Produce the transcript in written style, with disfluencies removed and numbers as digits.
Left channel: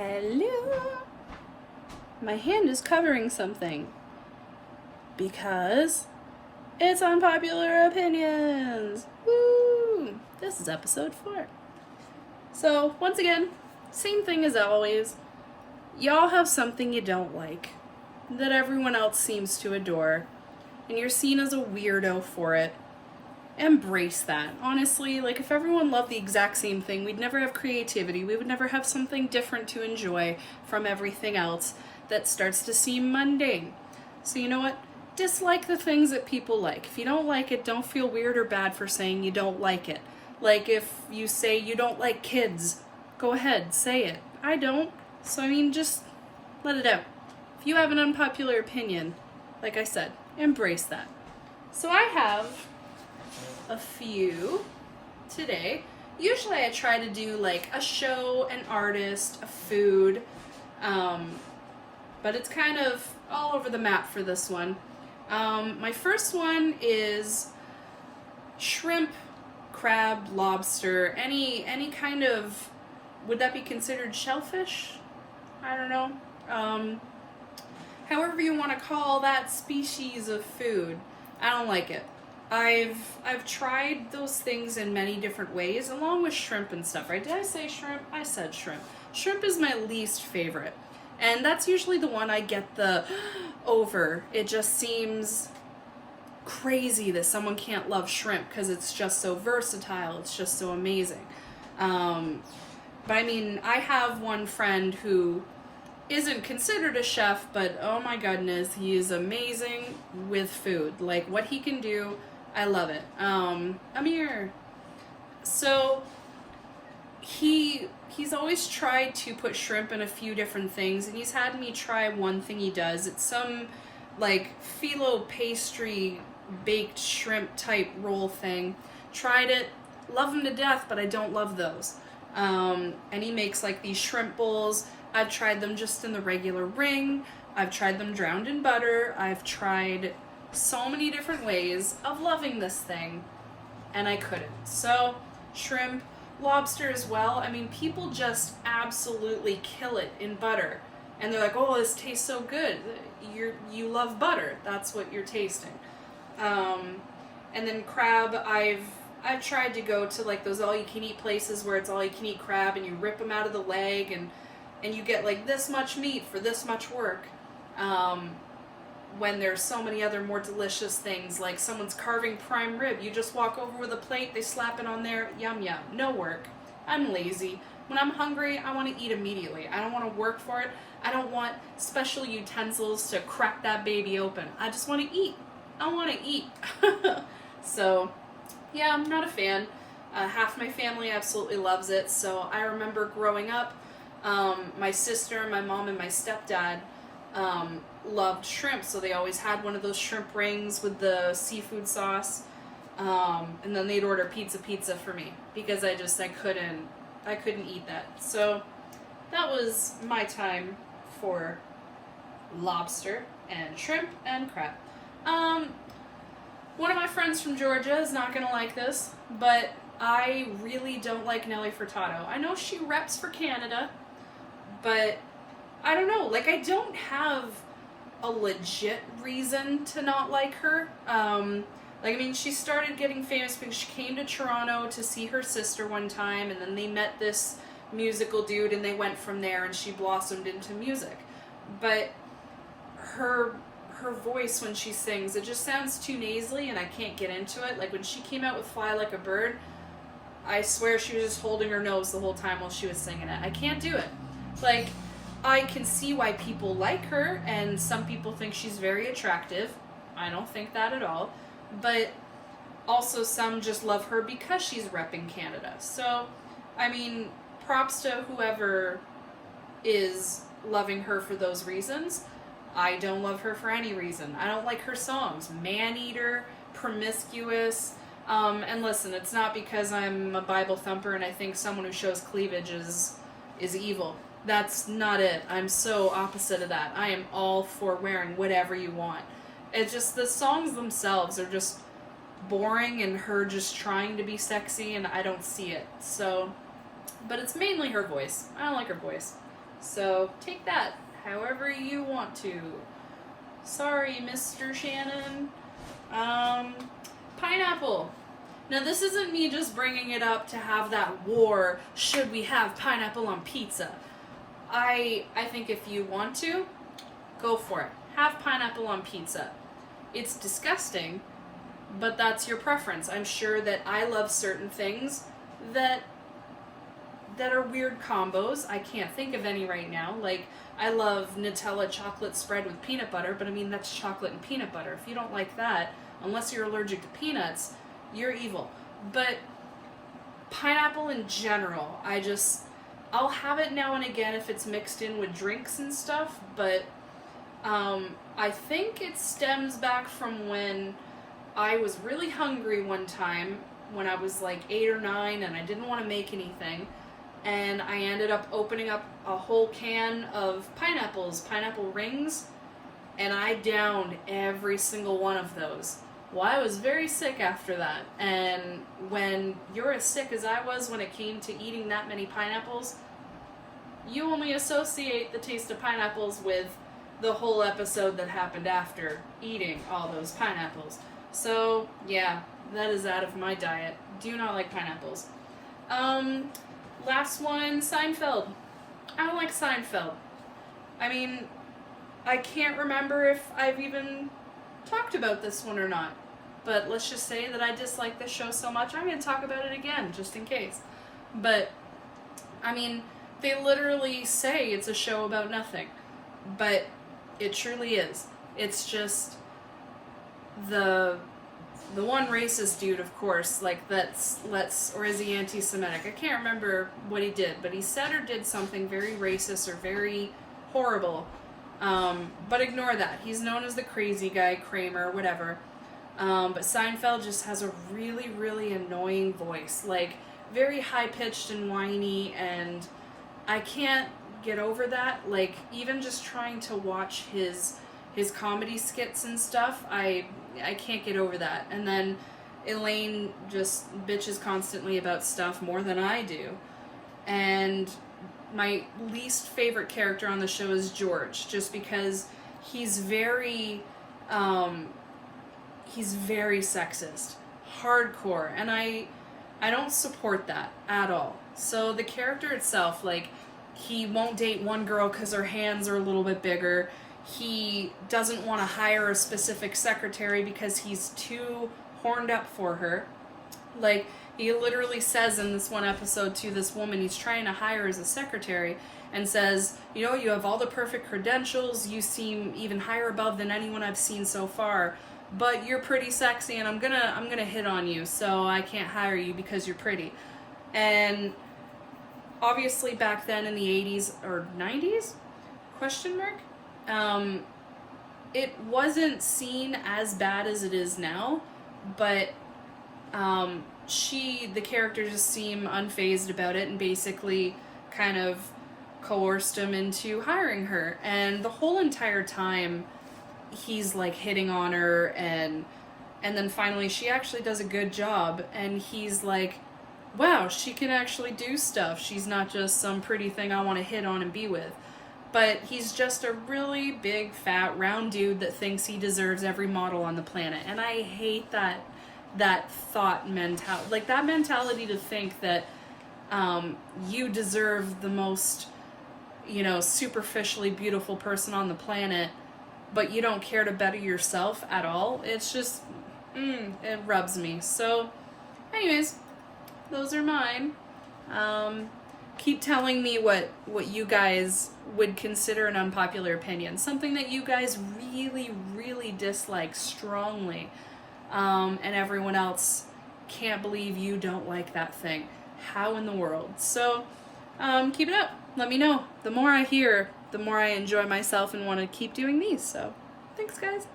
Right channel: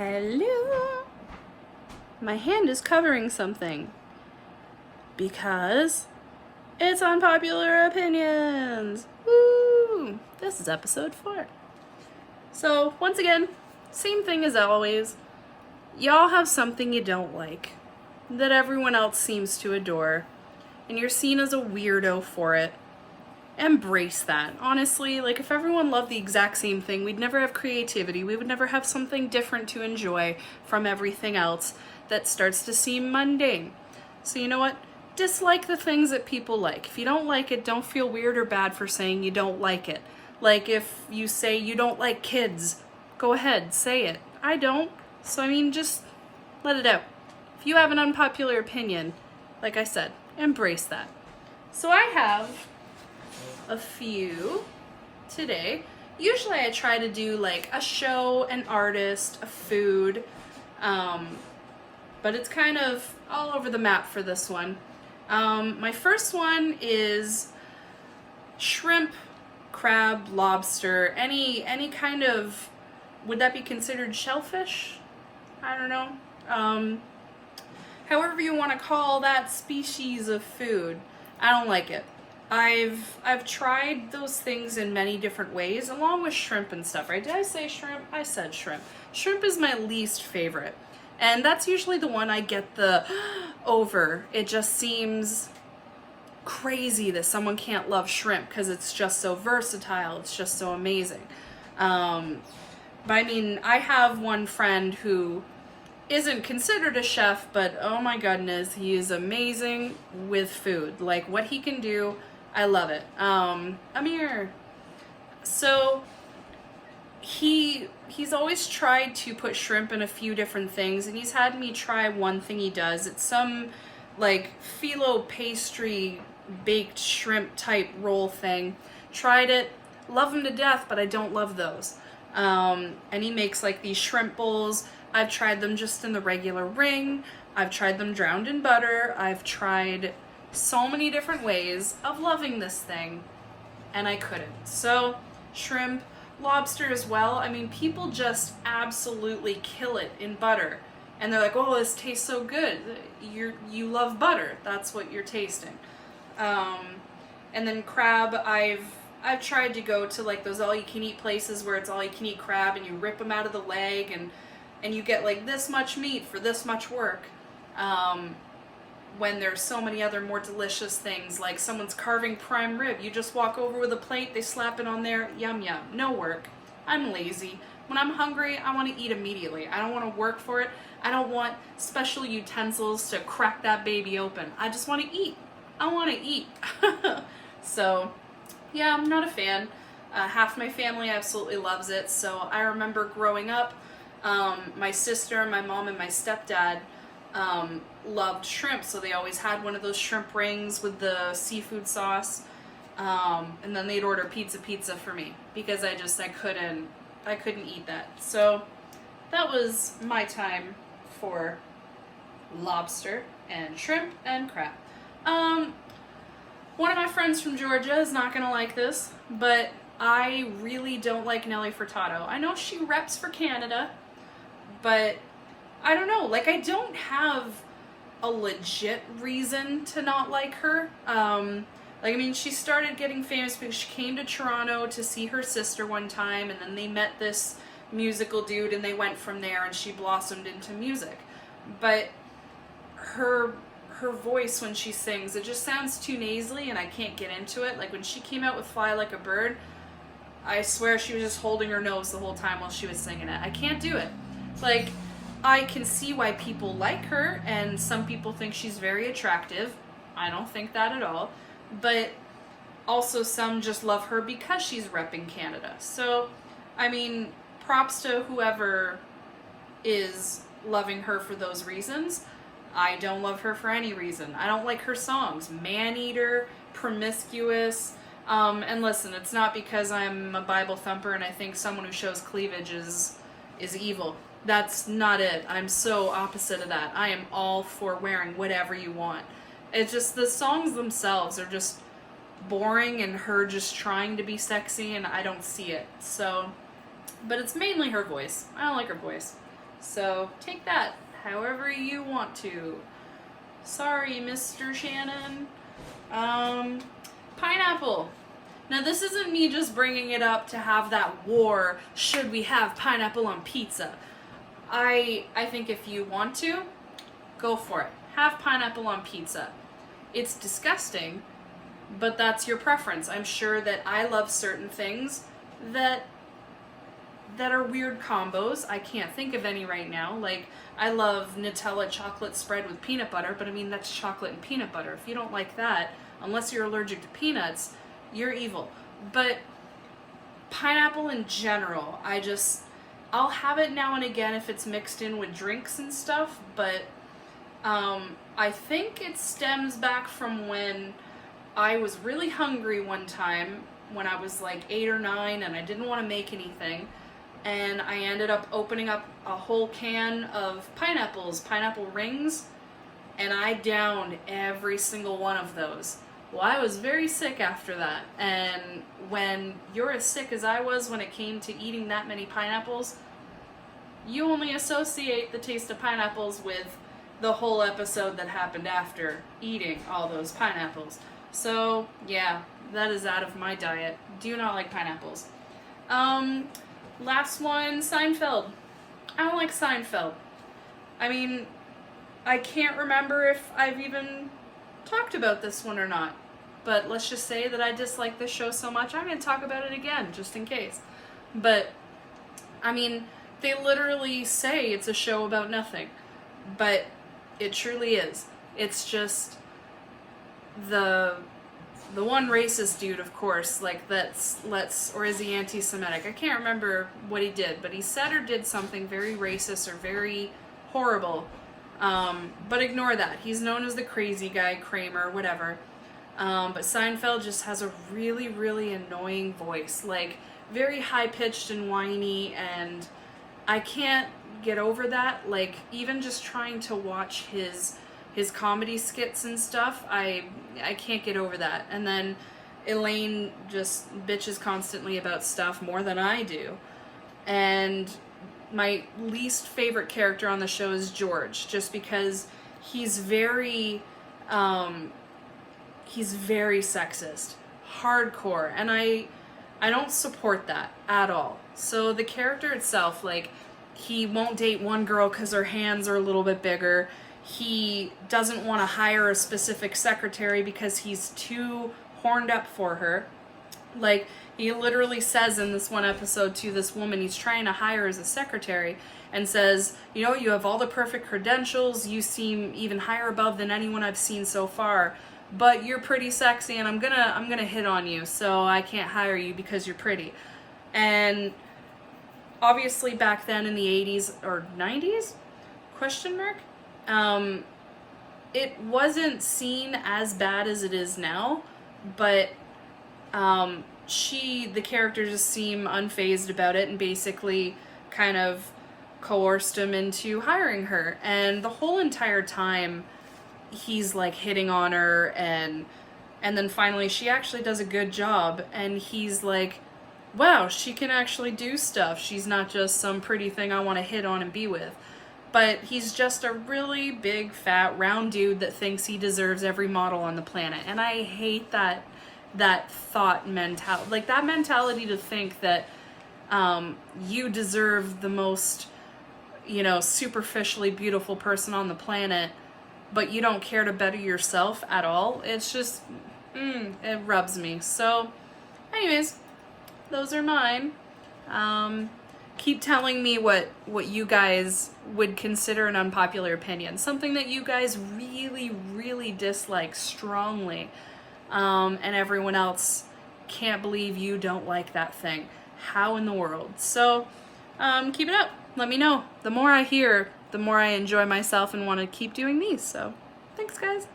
Hello. My hand is covering something because it's Unpopular Opinions. Woo! This is episode 4. So, once again, same thing as always. Y'all have something you don't like that everyone else seems to adore, and you're seen as a weirdo for it. Embrace that. Honestly, like, if everyone loved the exact same thing, we'd never have creativity. We would never have something different to enjoy from everything else that starts to seem mundane. So you know what? Dislike the things that people like. If you don't like it, don't feel weird or bad for saying you don't like it. Like, if you say you don't like kids, go ahead, say it. I don't. So, I mean, just let it out. If you have an unpopular opinion, like I said, embrace that. So I have a few today. Usually I try to do like a show, an artist, a food, but it's kind of all over the map for this one. My first one is shrimp, crab, lobster, any kind of, would that be considered shellfish? I don't know. However you want to call that species of food, I don't like it. I've tried those things in many different ways, along with shrimp and stuff, right? Did I say shrimp? I said shrimp. Shrimp is my least favorite. And that's usually the one I get the over. It just seems crazy that someone can't love shrimp because it's just so versatile. It's just so amazing. But I mean, I have one friend who isn't considered a chef, but oh my goodness, he is amazing with food. Like, what he can do, I love it. Amir. So he's always tried to put shrimp in a few different things, and he's had me try one thing he does. It's some like phyllo pastry baked shrimp type roll thing. Tried it, love him to death, but I don't love those. And he makes like these shrimp bowls. I've tried them just in the regular ring. I've tried them drowned in butter. I've tried so many different ways of loving this thing, and I couldn't. So, shrimp, lobster as well. I mean, people just absolutely kill it in butter. And they're like, oh, this tastes so good. You love butter. That's what you're tasting. And then crab, I've tried to go to like those all-you-can-eat places where it's all-you-can-eat crab, and you rip them out of the leg, and you get like this much meat for this much work. When there's so many other more delicious things, like someone's carving prime rib. You just walk over with a plate, they slap it on there, yum yum. No work. I'm lazy. When I'm hungry, I want to eat immediately. I don't want to work for it. I don't want special utensils to crack that baby open. I just want to eat. I want to eat. So, yeah, I'm not a fan. Half my family absolutely loves it. So I remember growing up, my sister, my mom, and my stepdad loved shrimp, so they always had one of those shrimp rings with the seafood sauce, and then they'd order pizza for me because I couldn't eat that. So that was my time for lobster and shrimp and crab. One of my friends from Georgia is not gonna like this, but I really don't like Nelly Furtado. I know she reps for Canada, but I don't know, like, I don't have a legit reason to not like her. Like, I mean, she started getting famous because she came to Toronto to see her sister one time, and then they met this musical dude, and they went from there, and she blossomed into music. But her voice when she sings, it just sounds too nasally, and I can't get into it. Like, when she came out with Fly Like a Bird, I swear she was just holding her nose the whole time while she was singing it. I can't do it. Like, I can see why people like her, and some people think she's very attractive. I don't think that at all. But also some just love her because she's repping Canada. So, I mean, props to whoever is loving her for those reasons. I don't love her for any reason. I don't like her songs. Man-eater, promiscuous. And listen, it's not because I'm a Bible thumper and I think someone who shows cleavage is evil. That's not it. I'm so opposite of that. I am all for wearing whatever you want. It's just the songs themselves are just boring, and her just trying to be sexy, and I don't see it. So, but it's mainly her voice. I don't like her voice. So take that however you want to. Sorry, Mr. Shannon. Pineapple. Now this isn't me just bringing it up to have that war, should we have pineapple on pizza? I think if you want to, go for it. Have pineapple on pizza. It's disgusting, but that's your preference. I'm sure that I love certain things that are weird combos. I can't think of any right now. Like, I love Nutella chocolate spread with peanut butter, but I mean, that's chocolate and peanut butter. If you don't like that, unless you're allergic to peanuts, you're evil. But pineapple in general, I'll have it now and again if it's mixed in with drinks and stuff, but I think it stems back from when I was really hungry one time when I was like 8 or 9 and I didn't want to make anything, and I ended up opening up a whole can of pineapple rings, and I downed every single one of those. Well, I was very sick after that, and when you're as sick as I was when it came to eating that many pineapples, you only associate the taste of pineapples with the whole episode that happened after eating all those pineapples. So, yeah, that is out of my diet. Do not like pineapples. Last one, Seinfeld. I don't like Seinfeld. I mean, I can't remember if I've even talked about this one or not. But let's just say that I dislike this show so much, I'm going to talk about it again, just in case. But, I mean, they literally say it's a show about nothing. But it truly is. It's just the one racist dude, of course, like or is he anti-Semitic? I can't remember what he did, but he said or did something very racist or very horrible. But ignore that. He's known as the crazy guy, Kramer, whatever. But Seinfeld just has a really, really annoying voice, like very high-pitched and whiny, and I can't get over that. Like, even just trying to watch his comedy skits and stuff, I can't get over that. And then Elaine just bitches constantly about stuff more than I do. And my least favorite character on the show is George, just because he's very sexist, hardcore, and I don't support that at all. So the character itself, like, he won't date one girl because her hands are a little bit bigger. He doesn't want to hire a specific secretary because he's too horned up for her. Like, he literally says in this one episode to this woman he's trying to hire as a secretary, and says, you know, you have all the perfect credentials, you seem even higher above than anyone I've seen so far, but you're pretty sexy and I'm gonna hit on you, so I can't hire you because you're pretty. And obviously back then in the 80s or 90s, question mark, it wasn't seen as bad as it is now, but the character just seemed unfazed about it and basically kind of coerced him into hiring her. And the whole entire time he's like hitting on her, and then finally she actually does a good job, and he's like, wow, she can actually do stuff. She's not just some pretty thing I want to hit on and be with. But he's just a really big, fat, round dude that thinks he deserves every model on the planet. And I hate that thought mentality. Like, that mentality to think that you deserve the most, you know, superficially beautiful person on the planet, but you don't care to better yourself at all. It's just, it rubs me. So, anyways, those are mine. Keep telling me what you guys would consider an unpopular opinion. Something that you guys really, really dislike strongly. And everyone else can't believe you don't like that thing. How in the world? So, keep it up. Let me know. The more I hear, the more I enjoy myself and want to keep doing these. So, thanks, guys.